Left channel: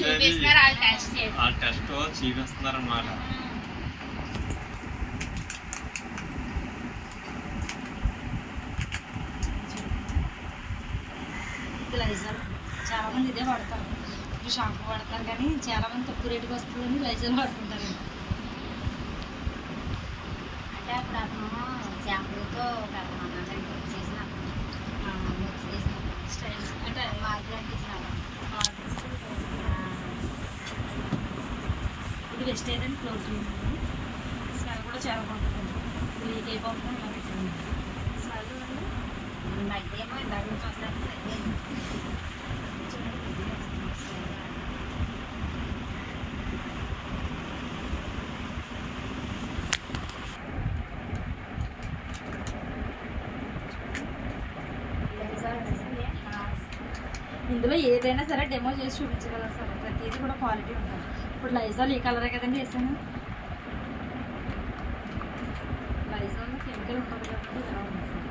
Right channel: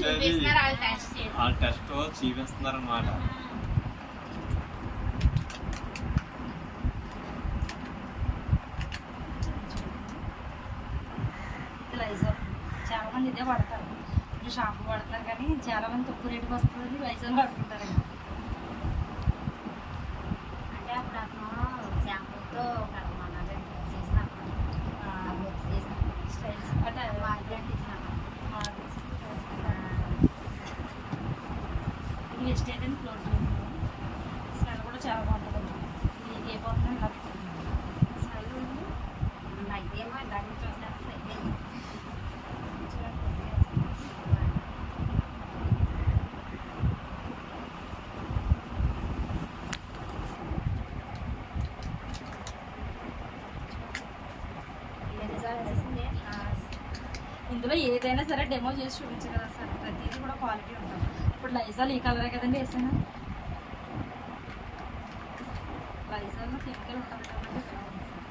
చూపిస్తున్నారు వాళ్ళు టెస్ట్ చేసి వాళ్ళు టెస్ట్ చూపిస్తున్నారు అన్నమాట. లైజాల్ చాలా మంది ఇదే వాడతారు. షాంపూ వాడతారు కానీ చాలా మంది తక్కువ రేటుకి వస్తుందని లైజాల్ వాడుకుంటారు. అంటే అప్పుడు అతను షాంపూతో ఒక చేసిన స్టైల్స్ అంటే మార్కెట్ ఇచ్చినాక ఇది వెస్ట్ ఏదండి క్లోజ్ చేయండి. స్మెల్ కూడా చాలా బాగుంటుంది. లీక్ అయిపోతుంది ఇలా పెట్టండి. స్మెల్ చూడండి మధ్యేమో దగ్గర చూస్తారు ఇందులో ఏదైనా సరే డెమో చేసి చూపించగలరు సార్. ప్రతిదీ కూడా క్వాలిటీ ఉంటుంది. ఇప్పుడు లైజాల్ ఈ కలరే కదండి వేసాను. లైజాల్లో కెమికల్ ఉంటుంది కాబట్టి